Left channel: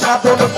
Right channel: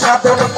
শুদ্ধ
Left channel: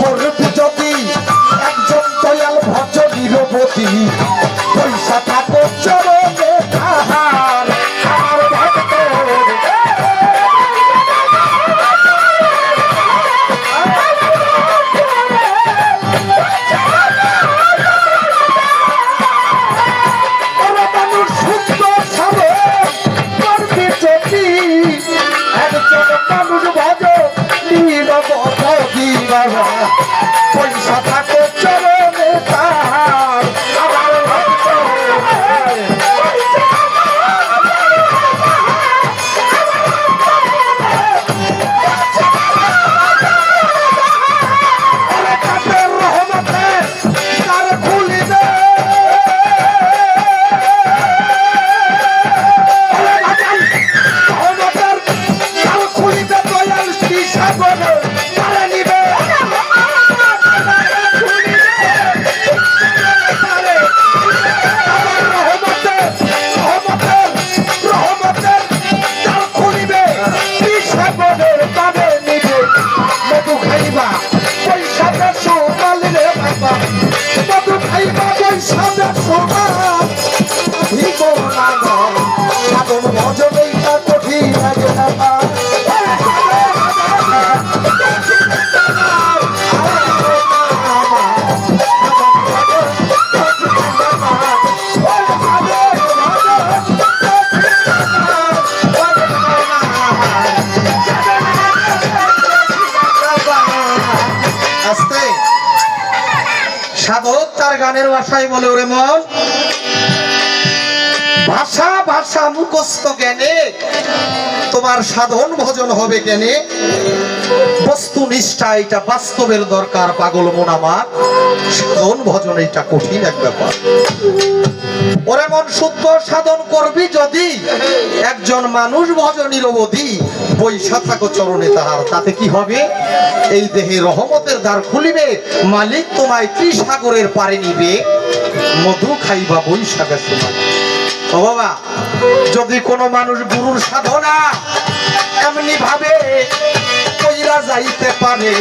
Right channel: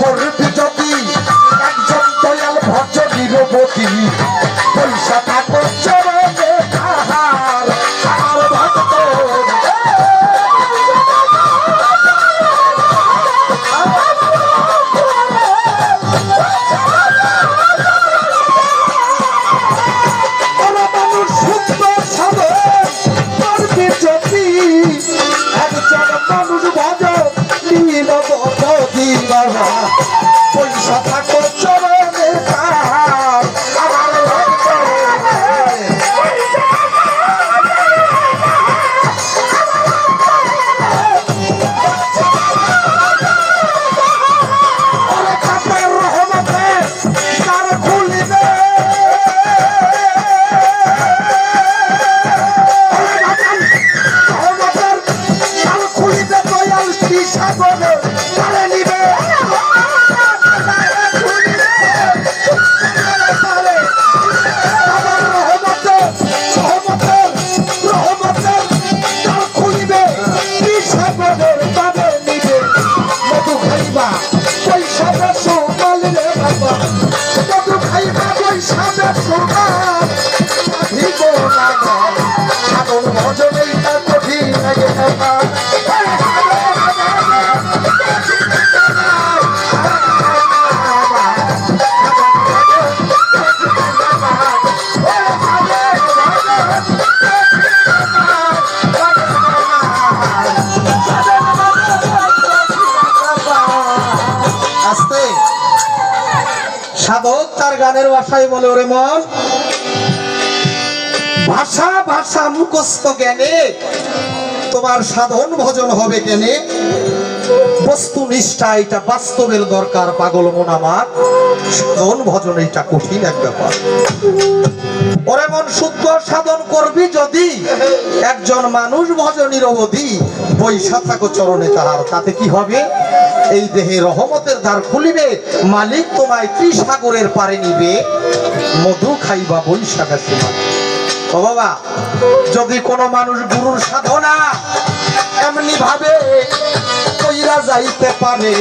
মধু খাইবা পয়সা দেড়শো গানের ভাষায় বলে ওরে মন। ভাষা ভাষা মুখস্থ জ্ঞানে। তোমার সাধন ভজন হবে কেনে। বস্তু নিষ্ঠা এটা বাস্তবের দরকার, পাগল মন আমার সাধন ভজন এটা কঠিন এক ব্যাপার। ওরে মন শুদ্ধ সাধন করবি যদি একজন মানুষ ভজনীর অবধি বৈশা থাকো চরণে তাহার। তাতে কি হবে? এই দেহে রহমতের দ্বার খুলিবে, মালিক তোমায় ত্রিসাগরের পারে নিবে, মধু খাইবা বৈশাখা সীমা বাবা, যদি কোনো মানুষ গুরুর সাধনা এমনি ভাবে কইরা যাইতে পারে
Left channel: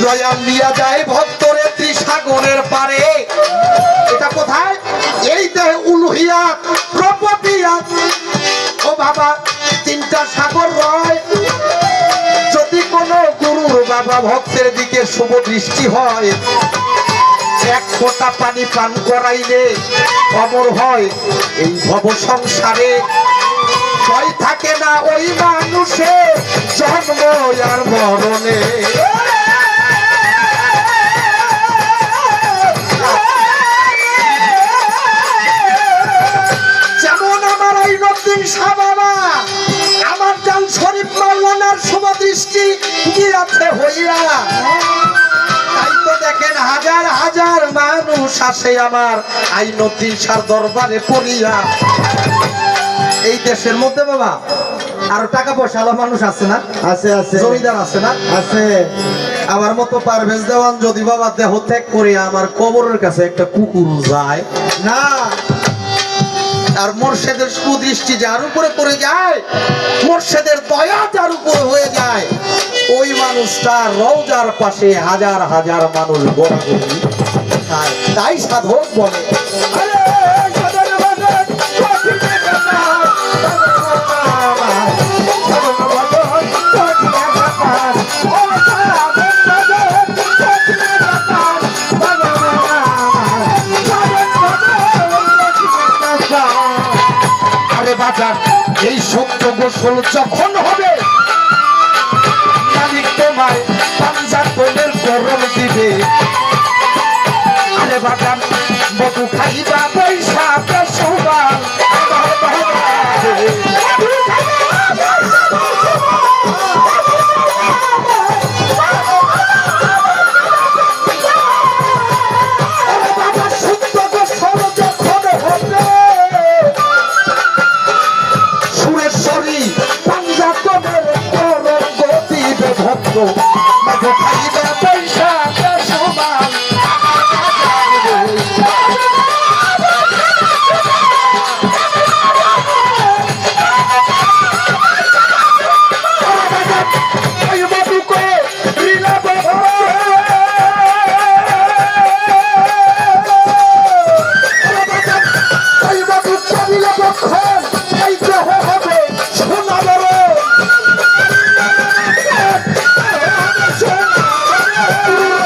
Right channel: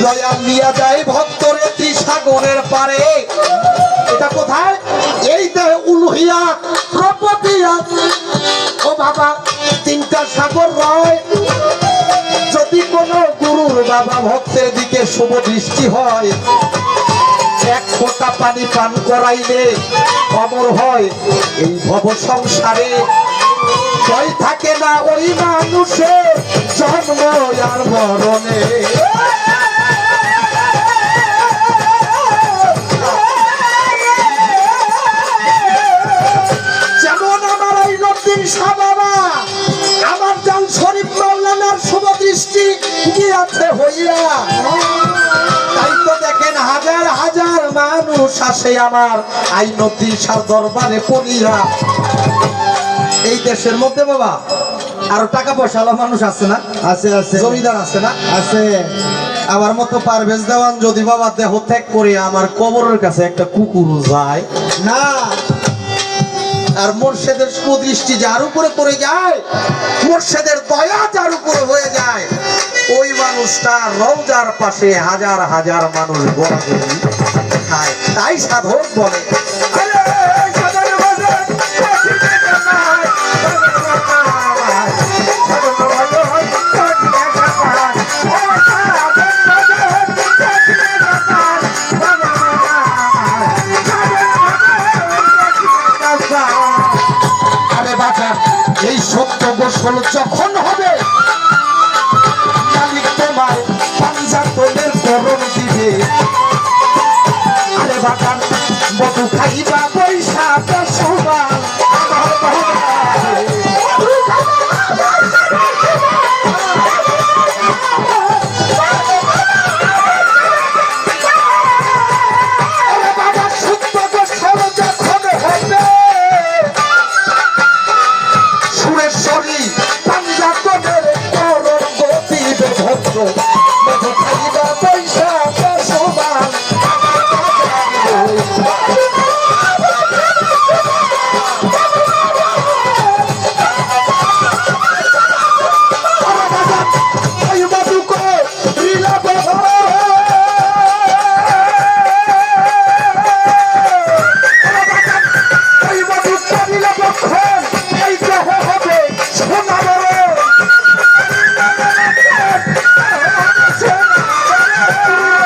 নিয়া যায় ভক্তরে ত্রিসাগরের পারে। এটা কোথায়? এই উলুহিয়া প্রপতিয়া ও বাবা, তিনটা সাগর রয়। যদি কোনো গুরুর বাবা ভক্তের দিকে শুভ দৃষ্টি হয়, এক ফোঁটা পানি পান করাইলে অমর হয়। এই ভব সংসারে ভয় থাকে না ওই মানুষের জন্ম আর মরণে। আমার। আইনতির সার দরবারে পড়িয়া। এই দেশের মধ্যে বাবা আরও টাকা পয়সা মানুষ আছে না? আছে আছে। জমিদার আছে না? আছে। আমার মতো পারভেজ দেওয়ান যদি বাবা দেহ ত্যাগ করে আমার কবরের কাছে একটা কুকুর যায় না। আর মোর্শেদের সুদৃষ্টি যার উপরে পড়ে যায় মোর্শেদের দয়া যার উপরে হয়ে যায় ওই মানুষটা রওজার পাশে হাজার হাজার মানুষ গড়াগড়ি খায় তাই সাধক বলে। এই সত্য গোসল যখন হবে মালিক তোমায় পাঞ্জাতনের করণ দিবে।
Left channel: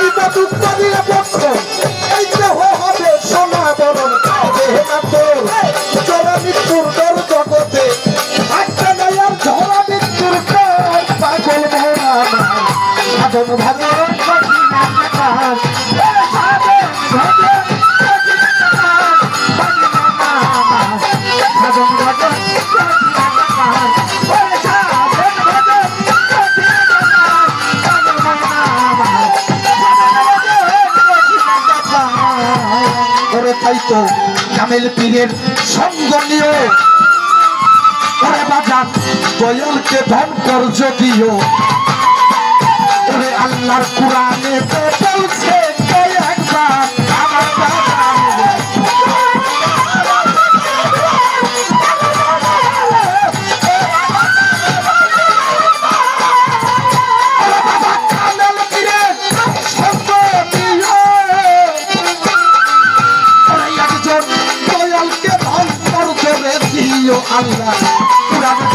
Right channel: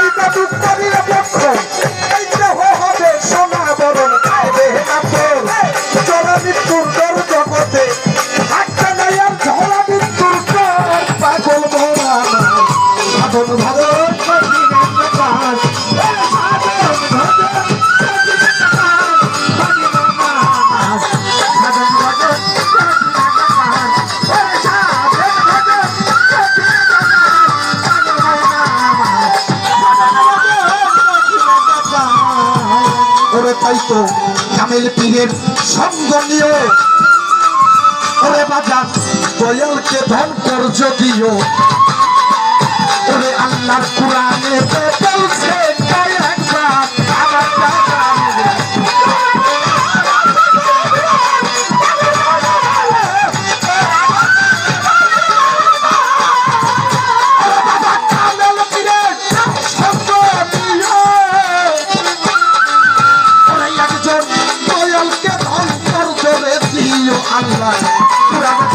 বিপদ পক্ষ ভক্ত জামেল পীরের সঙ্গ নিয়ে ওরে বাজার দয়ালকে ধন কর যদিও। ওরে আল্লাহ কোরআনে বলছে Thank you.